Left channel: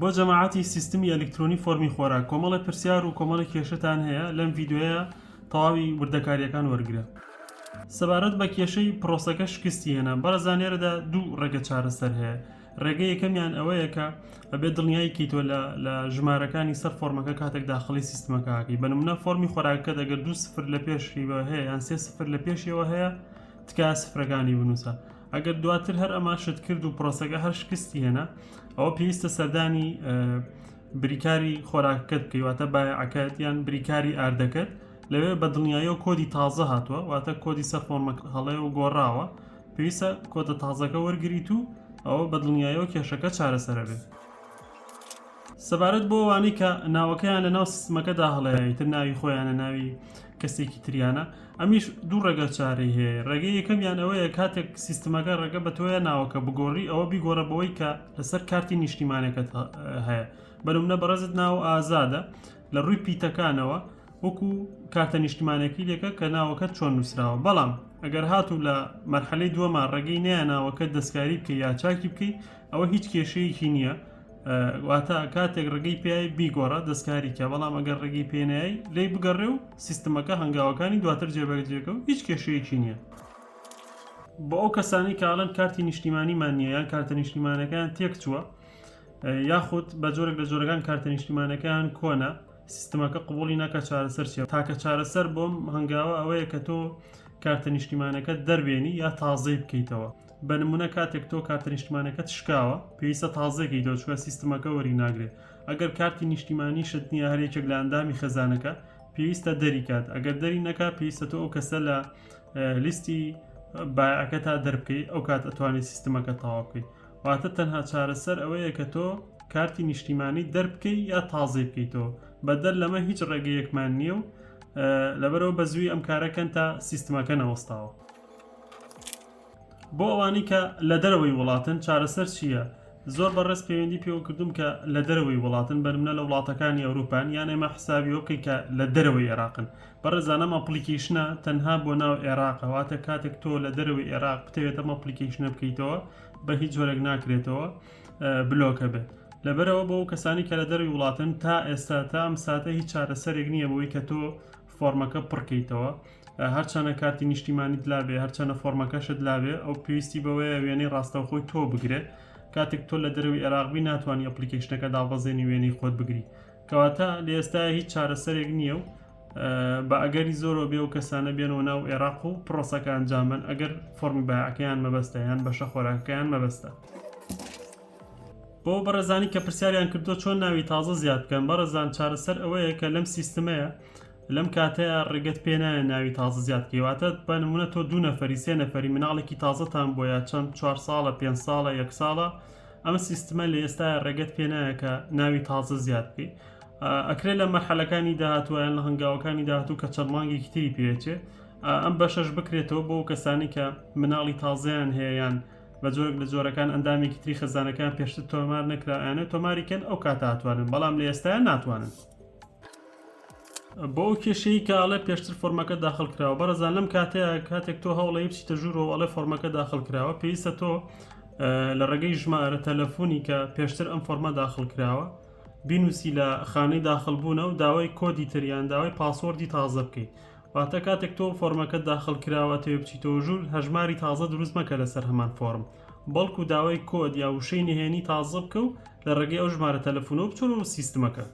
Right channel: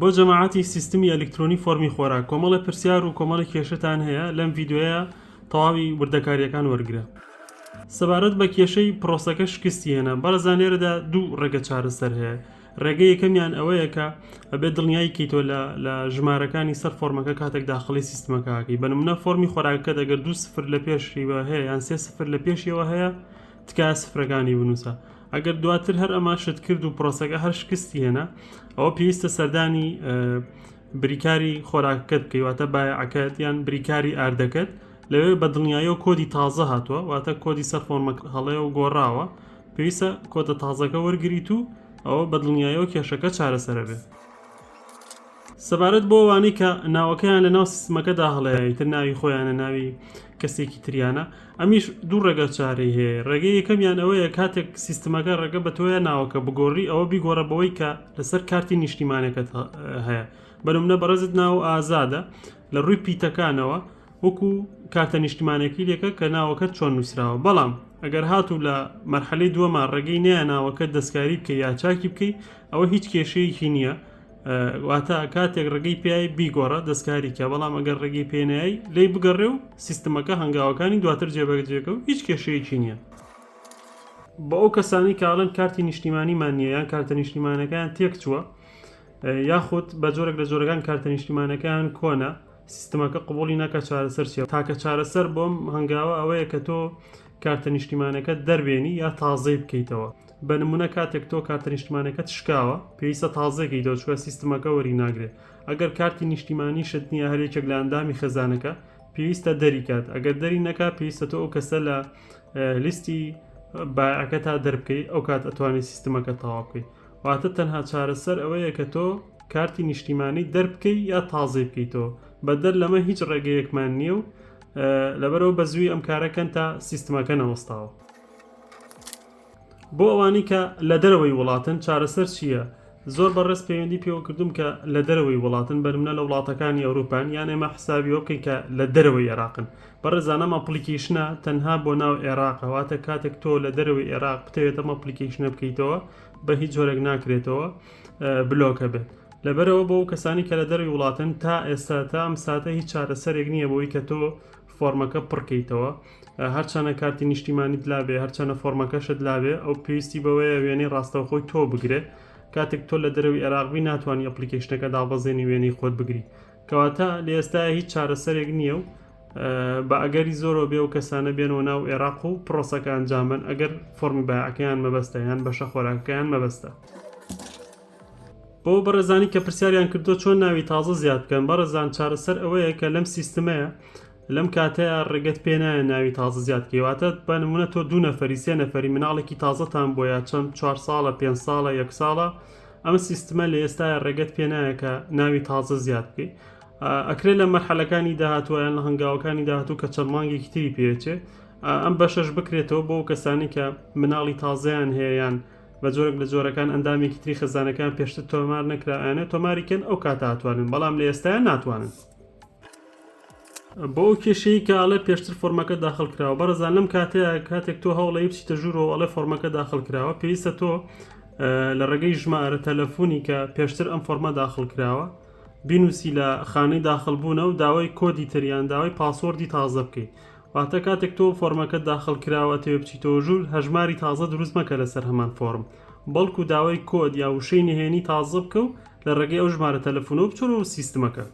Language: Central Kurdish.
بۆ جەماعەتی سیستمی ئەلیکترۆنی فۆرمی خۆراک کۆمەڵە پرسیار و کۆمەڵە کێشتان هەیە لەم ڤیدیۆیە تەواوی وردەکاریەکان وەرگرە. سەبارەت بە کێشەی پرۆسەکە شکستی هێنا بەڕێزانێرەدا دوو ڕێگە چارەسەر هەیە. ڕێگە یەکەمیان ئەوەیە کە ئەبێت دڵنیایی کەیتۆ لە ژمارەکانی سەر فۆرمەکە کاتێک داخڵی سیستمەکەکەی بە نمونە فۆرمی خۆراکەکە دەگەر 2 سفر لە پێشیەوە هەیە یان 3 سفر لە پێشیەوە هەیە تکایە سفرەکانی بنووسە. ئەگەر دواتر هەر ئەمە شت کرد و پرۆسەکە هەر شکستی هێنا ئەوە پێویستە سەردانی بریکاری خۆراکەکەت بکەی واتە بایەعییەکەت یان بریکاری ئاردەکەت لەوێ بە دڵنیاییەوە کۆدی تازە هاتووە واتە کۆدی سەر فۆرمەکە هەڵەیە و گۆڕاوە پێویستە کۆدە تازەکە وەرگریت و ئەوە بە دڵنیاییەوە کێشەکە چارەسەرە بێت. سەبارەت بۆ ئەوانەی کە ناوەکەیان لە ناو سیستمەکەدا هەڵەیە تر ناوی خۆیانە ناوی کەسێکی تریانە ئەمیش دوو ڕێگە چارەی هەیە. ڕێگەی یەکەمیان ئەوەیە کاتێک سیستمەکە ڕێگە بە تۆیە ناوەکە بگۆڕی ئەوە بیگۆڕە بەوەی کە لەسەر کارتی نیشتیمانەکەت هەیە بەنمونە بەڕێزت ناو ئازادە لە ڕووی پیتەکانەوە وەکو کارتە نیشتیمانێکی لێکە کە ناوەکەت چۆن نووسراوە بەڵام ئەگەر هاتوو لە مەرحەلەی دووەمان ڕێگەی نییە ناوەکەت دەستکاری بکەی یا چاکی بکەی ئەوە هیچ کێشەیەکی نییە واتە کاتێک ڕێگەی پێی بیگۆڕە دەستکاری کە بەڵام ئەگەر ڕێگەی پێنایی لی بگەڕێ و سیستمەکە هەنگاوەکانی دواتر جێبەجێکە و هیچ کێشەیەکی نییە. بە ئەو کەسانی کاڵەن کارتی نیشتیمانیمان نییە یان کارتە نیشتیمانەکان تێک چووە یاخود بە جۆرێک لە جۆرەکان کارتە نیشتیمانەکان کۆنە سیستمەکە قبولی ناکە چارەسەر چیە تاکە چارەسەر بۆم هەنگاوە ئەوەیە کە تۆ کارتە نیشتیمانەکەت دەربێنی یا تازەی بکەیتەوە. بە نمونە کاتێک تۆ کارتە نیشتیمانەکەت شکاوە پێویستە تازەکەیتەوە چوە سیستمەکە وەری ناگرێت. ئەگەر کارتی نیشتیمانی شت نییە هەرێکێک لە ئەندامی خێزانەکە پێویستە دەری کات ئەگەر دەری نەکات پێویستە تۆ ئەو کەسە لە لیستی بایەعییەکە تا دەربکەی ئەو کات ئەتوانێت سیستمەکە تەواو بکەیت. واتە تەنها چارەسەر ئەوەیە کە تۆ کارتی نیشتیمانی دەربکەی یا تازەی بکەیتەوە بەدەر لەمە هیچ ڕێگەیەکمان نییە و لەبەرەوە بە زووی ئەم کارەکەن تا سیستمەکە نەوەستاوە. بۆ ئەوانی کە لە دەرەوەی وڵاتن چارەسەر چییە؟ زۆر بەڕێز پەیوەندی پێوە کردوم کە لە دەرەوەی وڵاتن بەنمونە لە وڵاتەکانی ئەوروپان یان ئێمە حسابیەوە بکەین کە لە دەرەوەی عێراقن. بەڕێزانەم ئەپلیکیشنە تەنها بۆ ناو عێراقە واتە کاتێک تۆ لە دەرەوەی عێراق بتەوێت ئەم ئەپلیکیشنە بکەیتەوە بە هیچ جۆرێک ناکرێتەوە بلۆکە بێت. لەبەرەوە بۆ کەسانی کە لە دەروی وڵاتن تا ئێستا تا ئەم ساتە هیچ چارەسەرێک نییە بۆی کە تۆ فۆرمەکە پڕکەیتەوە هەرچەنە کارتی نیشتیمانیت لابێ هەرچەنە فۆرمەکەشت لابێ ئەو پێویستی بەوەیە وێنەی ڕاستەوخۆی تۆ بگرێت کاتێک تۆ لە دەروی عێراقی ناتوانانی ئەپلیکیشنەکە دابەزێنی وێنەی خۆت بگری کەواتە لە ئێستاە هیچ چارەسەرێک نییە و بە ئەگەری زۆرەوە بێ و کەسانە بێنەوە ناو عێراق و پرۆسەکە ئەنجامن ئەگەر فۆرمی بایەعییەکەیان مەبەستە یان بەشە خۆراکەکەیان مەبەستە. بۆ بەڕێزانی کە پرسیاریان کردو چۆن ناوی تازە زیاد بکەن بەڕێزان چارەسەر ئەوەیە کە لەم سیستمەیە لەم کاتەیە ڕێگەت پێنایە ناوی تازە زیاد کەواتە بە نمونە تۆ 2 نەفەری 3 نەفەری مناڵێکی تازەتان بۆیە چەند 4 ساڵە 5 ساڵە 1 ساڵە ئەمە سیستمە لە ئێستاە ڕێگەت پێنایە کە ناوی تازە زیاد بکەیت. ئەکرێت لە مەرحەلەکانی داهاتوە یان لە هەنگاوەکانی داهاتوو کە چەند مانگێکی تری پێچێ ئەم بەشەش بکرێتەوە بۆ کەسانی کە مناڵی تازەیان هەیەیان بە جۆرێک لە جۆرەکان ئەندامێکی تری خەزانەکان پێشتر تۆمار نەکرایانە تۆماریکەن ئەو کاتە هاتوانن بەڵام لە ئێستایان ناتوانن. بۆ ئەو کێشەی کە ئەڵێ پێشتر فۆرمەکە داخل کراوە بەڕێزان لەم کاتەیە کاتێک تۆ هەوڵی بچیتە ژوورەوە ئەڵێ فۆرمەکە داخل کراوە پێویستە تۆ لە ڕێگەی ژمارە تەلەفۆنی کە پێشتر ئەم فۆرمە داخل کراوە بینوسی لە خانەی داخلبوونە و داوای کۆدی تریان داوای پاسوەردی تازە بکەیت. واتە کاتێک تۆ فۆرمەکە داخل کراوە تێ بچیتەوە ژوور هەژماری تازە دروست مەکە لەسەر هەمان فۆرم بەڵکو داوای کۆد یا وشەی نهێنی تازە بکە و لە ڕێگەی ئەو ژمارە تەلەفۆنەوە بچۆرەوە سیستمەکە.